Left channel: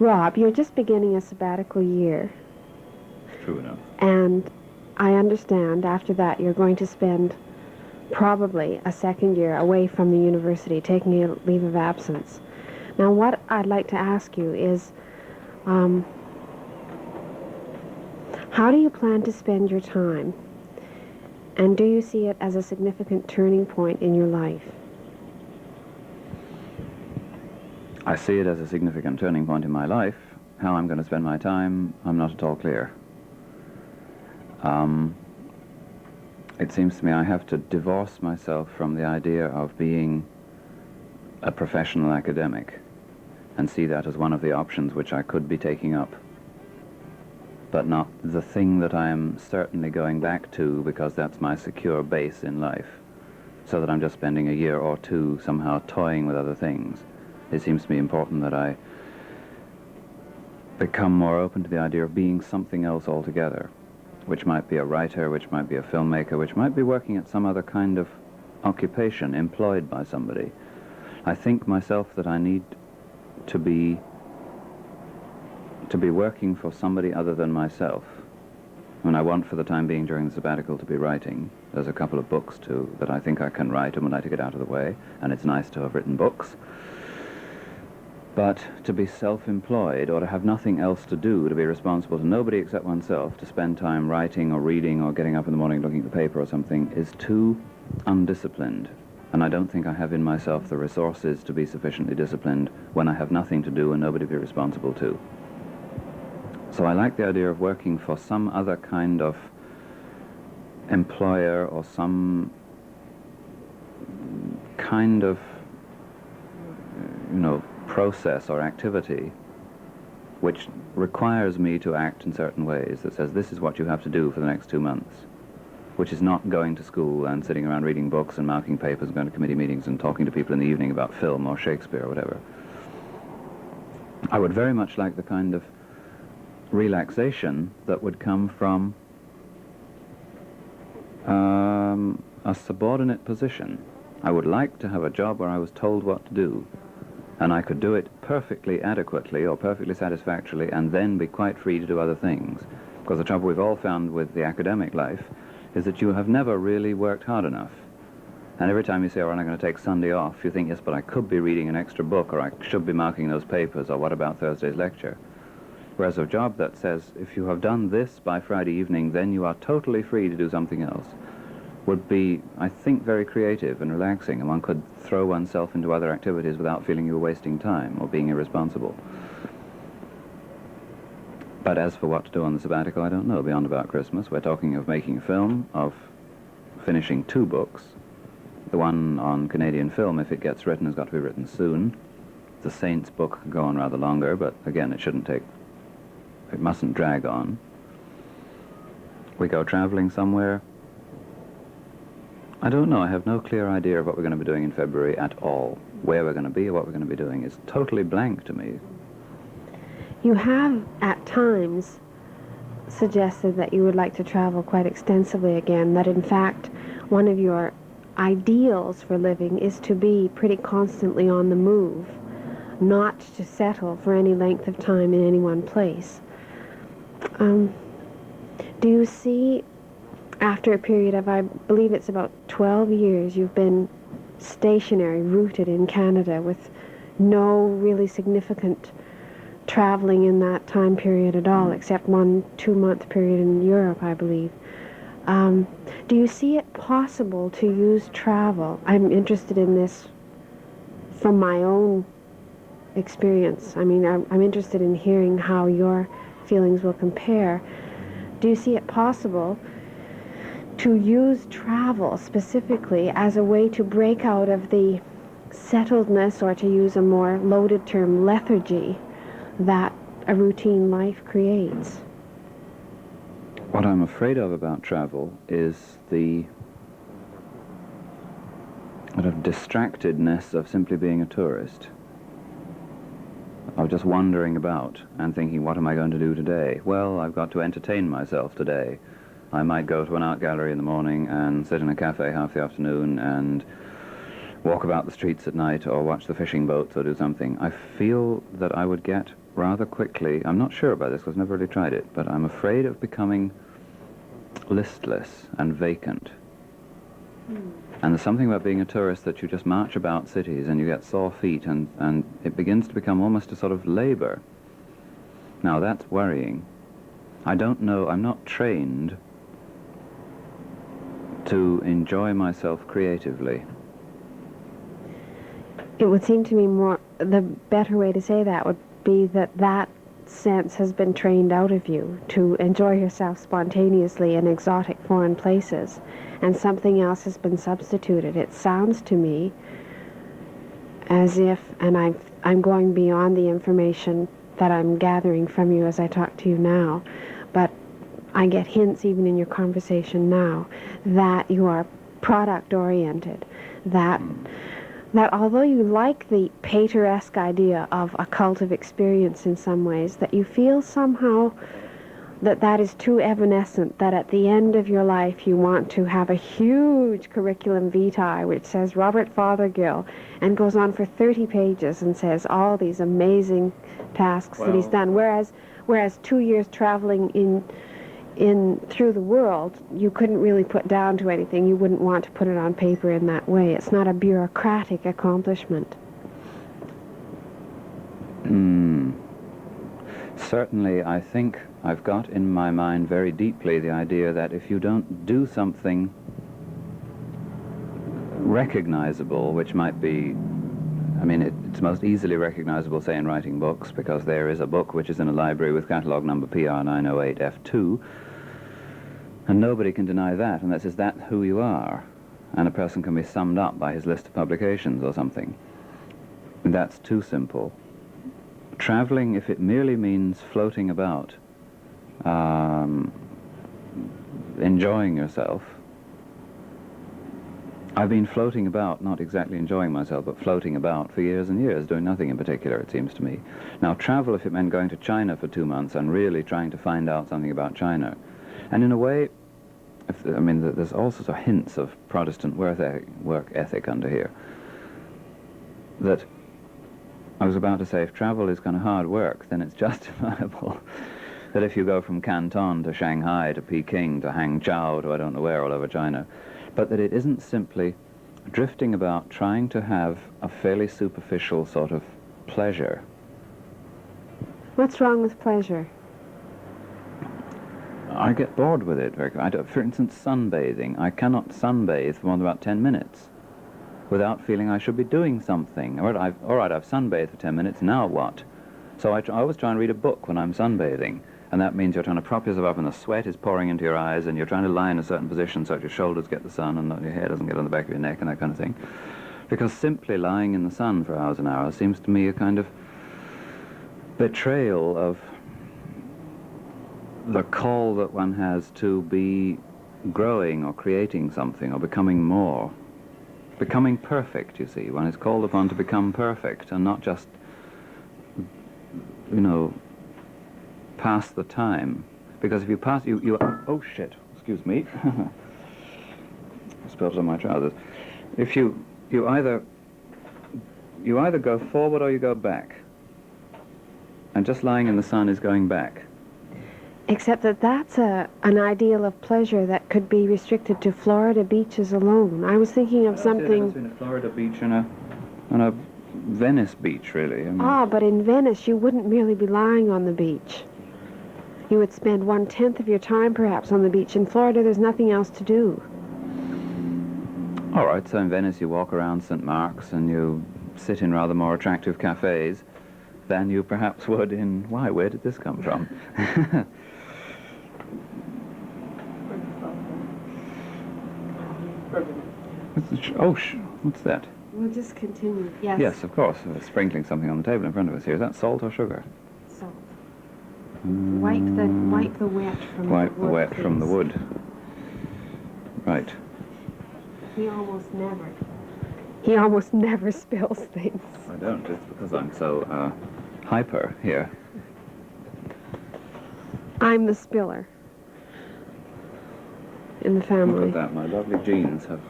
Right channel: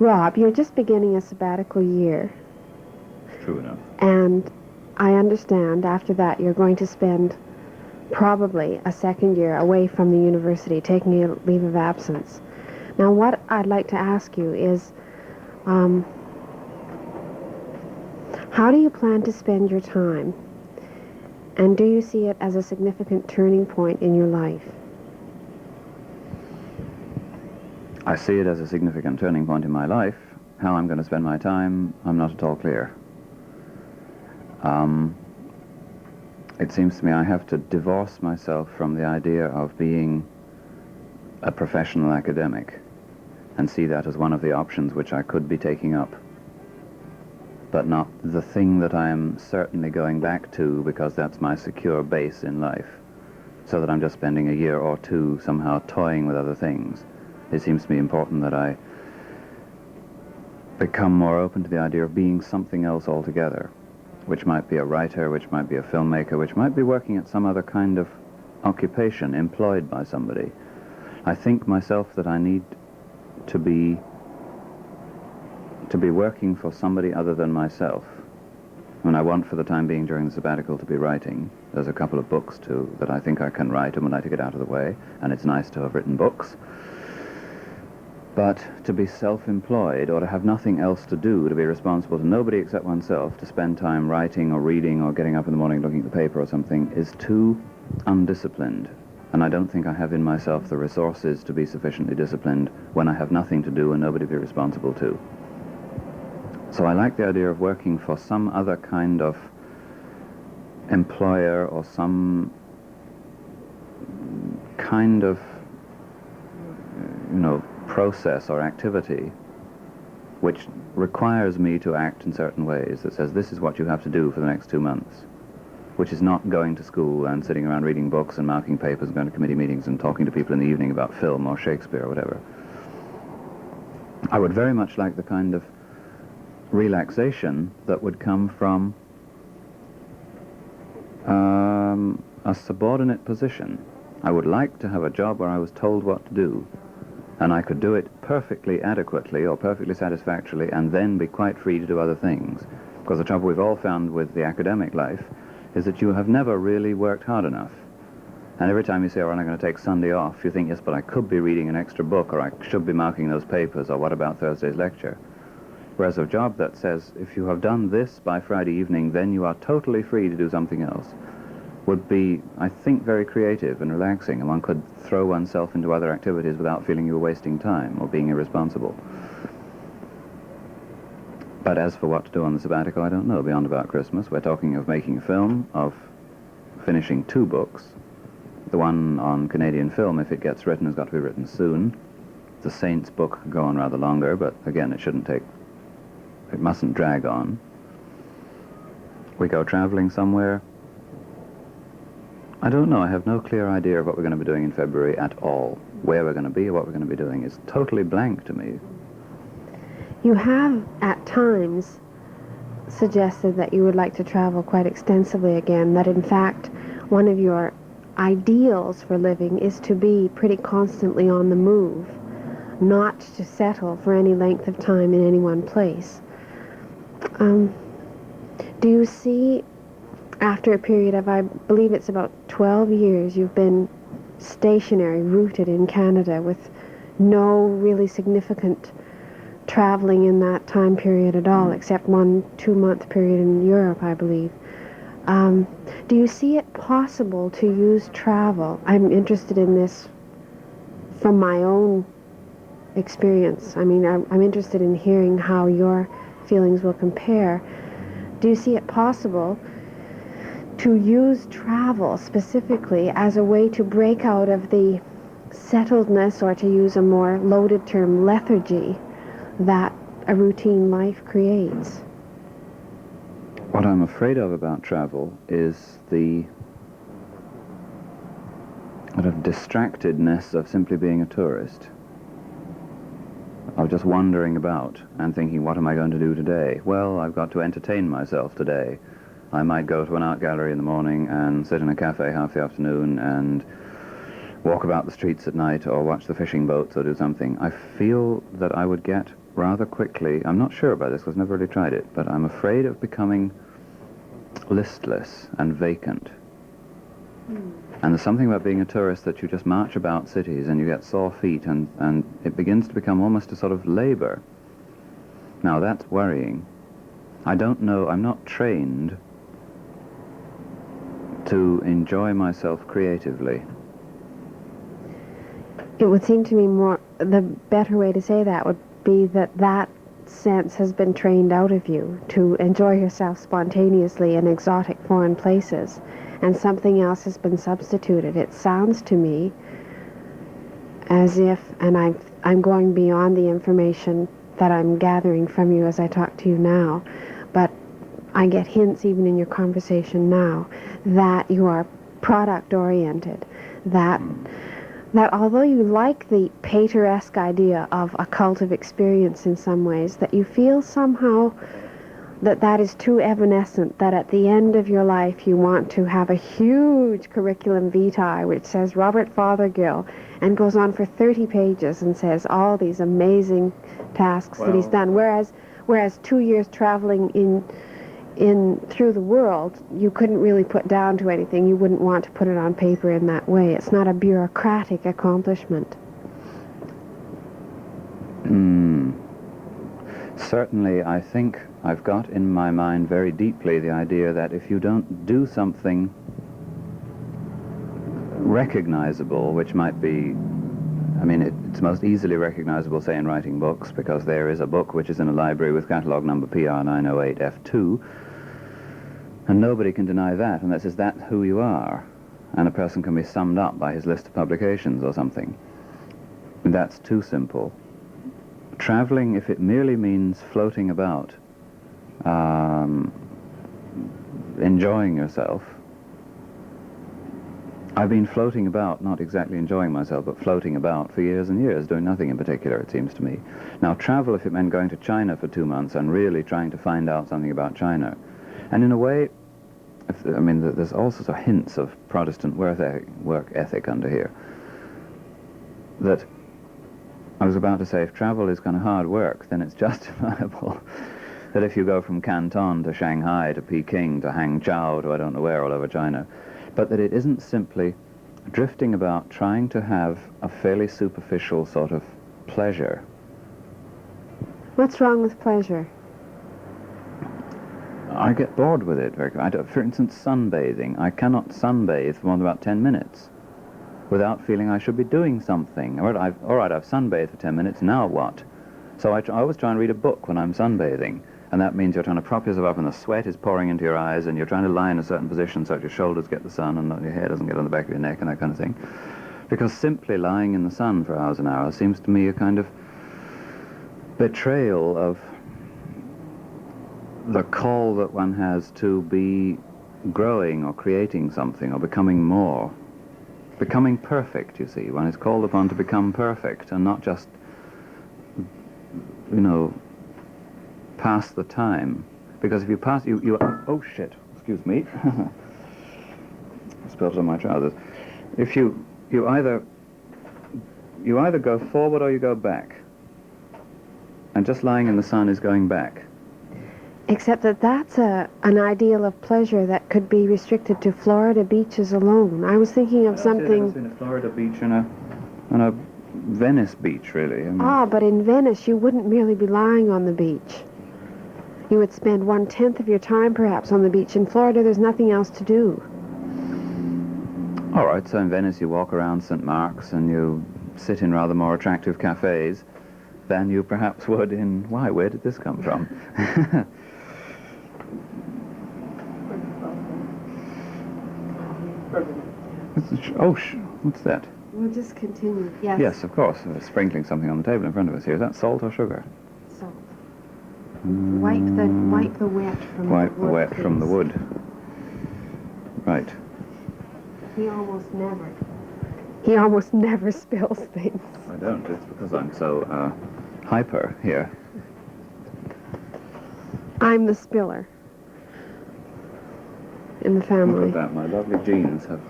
Rob, you're just beginning a sabbatical year. True enough. And I understand after that you're going to spend probably a second year away from the university, taking a leave of absence. Now, what I'd like to ask you is, how do you plan to spend your time? And do you see it as a significant turning point in your life? I see it as a significant turning point in my life. How I'm going to spend my time, I'm not at all clear. It seems to me I have to divorce myself from the idea of being a professional academic and see that as one of the options which I could be taking up, but not the thing that I am certainly going back to because that's my secure base in life, so that I'm just spending a year or two somehow toying with other things. It seems to me important that I become more open to the idea of being something else altogether, which might be a writer, which might be a filmmaker, which might be working at some other kind of occupation employed by somebody. I think myself that I need to be working for somebody other than myself. And I want for the time being during the sabbatical to be writing. There's a couple of books too that I think I can write and would like to get out of the way, and it's nice to have written books. But to be self-employed or to have nothing else to do, to be responsible to nobody except oneself, to spend time writing or reading or getting up in the morning looking at the paper or something, is too undisciplined. And I don't think I have in myself the resources to be sufficiently disciplined when I have nothing to do and nobody to be responsible to. So I like the idea of working for some other kind of employer or some kind of, process or activity which requires me to act in certain ways, that says this is what you have to do for the next 2 months, which is not going to school and sitting around reading books and marking papers and going to committee meetings and talking to people in the evening about film or Shakespeare or whatever. I would very much like the kind of relaxation that would come from a subordinate position. I would like to have a job where I was told what to do, and I could do it perfectly adequately or perfectly satisfactorily and then be quite free to do other things. Because the trouble we've all found with the academic life is that you have never really worked hard enough. And every time you say, oh, I'm going to take Sunday off, you think, yes, but I could be reading an extra book, or I should be marking those papers, or what about Thursday's lecture? Whereas a job that says, if you have done this by Friday evening, then you are totally free to do something else, would be, I think, very creative and relaxing, and one could throw oneself into other activities without feeling you were wasting time or being irresponsible. But as for what to do on the sabbatical, I don't know, beyond about Christmas. We're talking of making a film, of finishing 2 books. The one on Canadian film, if it gets written, has got to be written soon. The Saints book could go on rather longer, but again, it mustn't drag on. We go traveling somewhere. I don't know. I have no clear idea of what we're going to be doing in February at all. Where we're going to be or what we're going to be doing is totally blank to me. You have, at times, suggested that you would like to travel quite extensively again, that in fact one of your ideals for living is to be pretty constantly on the move, not to settle for any length of time in any one place. Do you see, after a period of, I believe it's about 12 years, you've been stationary, rooted in Canada with no really significant traveling in that time period at all, except 1 2-month period in Europe, I believe. Do you see it possible to use travel? I'm interested in this from my own experience. I mean, I'm interested in hearing how your feelings will compare. Do you see it possible to use travel specifically as a way to break out of the settledness, or to use a more loaded term, lethargy, that a routine life creates? What I'm afraid of about travel is the sort of distractedness of simply being a tourist, of just wandering about and thinking, what am I going to do today? Well, I've got to entertain myself today. I might go to an art gallery in the morning and sit in a cafe half the afternoon and walk about the streets at night or watch the fishing boats or do something, I feel that I would get rather quickly, I'm not sure about this because I've never really tried it, but I'm afraid of becoming listless and vacant. And there's something about being a tourist that you just march about cities and you get sore feet and it begins to become almost a sort of labor. Now that's worrying. I don't know, I'm not trained to enjoy myself creatively. It would seem to me the better way to say that would be that sense has been trained out of you to enjoy yourself spontaneously in exotic foreign places, and something else has been substituted. It sounds to me as if, and I'm going beyond the information that I'm gathering from you as I talk to you now, but I get hints even in your conversation now that you are product-oriented, that although you like the Pater-esque idea of a cult of experience in some ways, that you feel somehow that is too evanescent, that at the end of your life you want to have a huge curriculum vitae which says Robert Fothergill and goes on for 30 pages and says all these amazing tasks that he's done, whereas 2 years traveling in through the world, you couldn't really put down to anything. You wouldn't want to put it on paper in that way. It's not a bureaucratic accomplishment. Certainly, I think I've got in my mind very deeply the idea that if you don't do something recognizable, which might be, I mean, it's most easily recognizable, say, in writing books, because there is a book which is in a library with catalogue number PR908F2, and nobody can deny that, unless is that who you are, and a person can be summed up by his list of publications or something. That's too simple. Traveling, if it merely means floating about, enjoying yourself. I've been floating about, not exactly enjoying myself, but floating about for years and years, doing nothing in particular, it seems to me. Now, travel, if it meant going to China for 2 months and really trying to find out something about China. And in a way, there's all sorts of hints of Protestant work ethic under here. That I was about to say, if travel is kind of hard work, then it's justifiable that if you go from Canton to Shanghai to Peking to Hangzhou to I don't know where all over China, but that it isn't simply drifting about trying to have a fairly superficial sort of pleasure. What's wrong with pleasure? I get bored with it. For instance, sunbathing. I cannot sunbathe for more than about 10 minutes without feeling I should be doing something. All right, I've sunbathed for 10 minutes, now what? So I always try and read a book when I'm sunbathing, and that means you're trying to prop yourself up and the sweat is pouring into your eyes, and you're trying to lie in a certain position so that your shoulders get the sun and your hair doesn't get on the back of your neck and that kind of thing. Because simply lying in the sun for hours and hours seems to me a kind of betrayal of the call that one has to be growing or creating something or becoming more. Becoming perfect, you see. One is called upon to become perfect and not just, pass the time. Because if you pass, oh shit, excuse me. Spills on my trousers. If you either go forward or you go back. And just lying in the sun is going back. Except that's an ideal of pleasure that could be restricted to Florida beaches alone. I was thinking of something... between a Florida beach and a Venice beach, really. But in Venice you wouldn't merely be lying on the beach. You would spend 1/10 of your time perhaps on the beach. In Florida there's nothing else to do. All right, so in Venice you walk around St. Mark's and you sit in rather more attractive cafes than you perhaps would in... Why, where did this come from? What's that? We'll just continue. Yes. Yes, of course. We're sprinkling something on the table in front of us here. Is that salt or sugar? Salt. Wipe the wet from the wood. Wipe the wet from the wood. Right. He almost never spills things. I don't. It's because I'm so hyper here. I'm the spiller in the family. Look at that. My lovely jeans have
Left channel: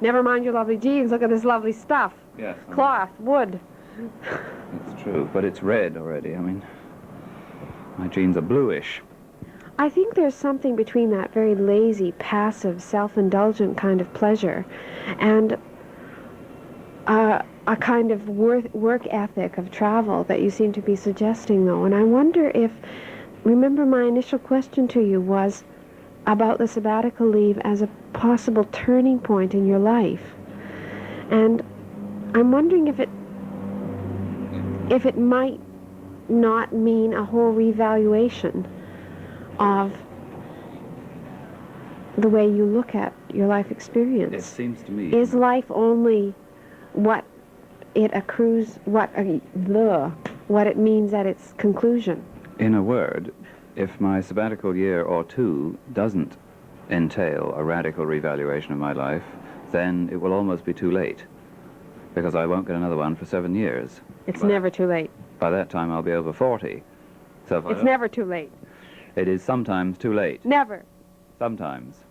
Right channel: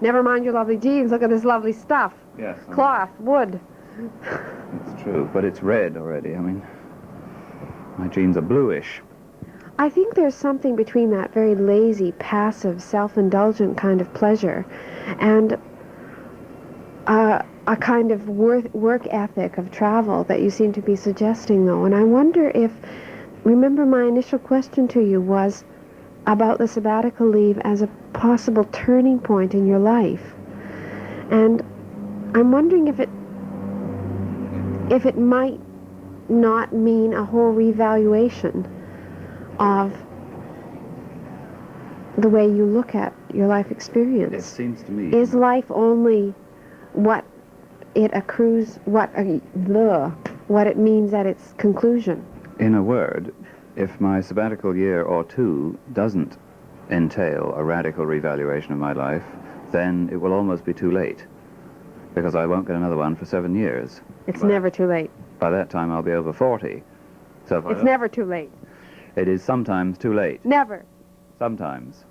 Never mind your lovely jeans. Look at this lovely stuff. Yes. Cloth, wood. It's true, but it's red already. I mean, my jeans are bluish. I think there's something between that very lazy, passive, self-indulgent kind of pleasure and a kind of work ethic of travel that you seem to be suggesting, though. And I wonder if, remember my initial question to you was about the sabbatical leave as a possible turning point in your life. And I'm wondering if it might not mean a whole revaluation of the way you look at your life experience. It seems to me... Is life only what it accrues, what it means at its conclusion? In a word, if my sabbatical year or two doesn't entail a radical revaluation of my life, then it will almost be too late, because I won't get another one for 7 years. It's never too late. By that time, I'll be over 40. So It's never too late. It is sometimes too late. Never. Sometimes.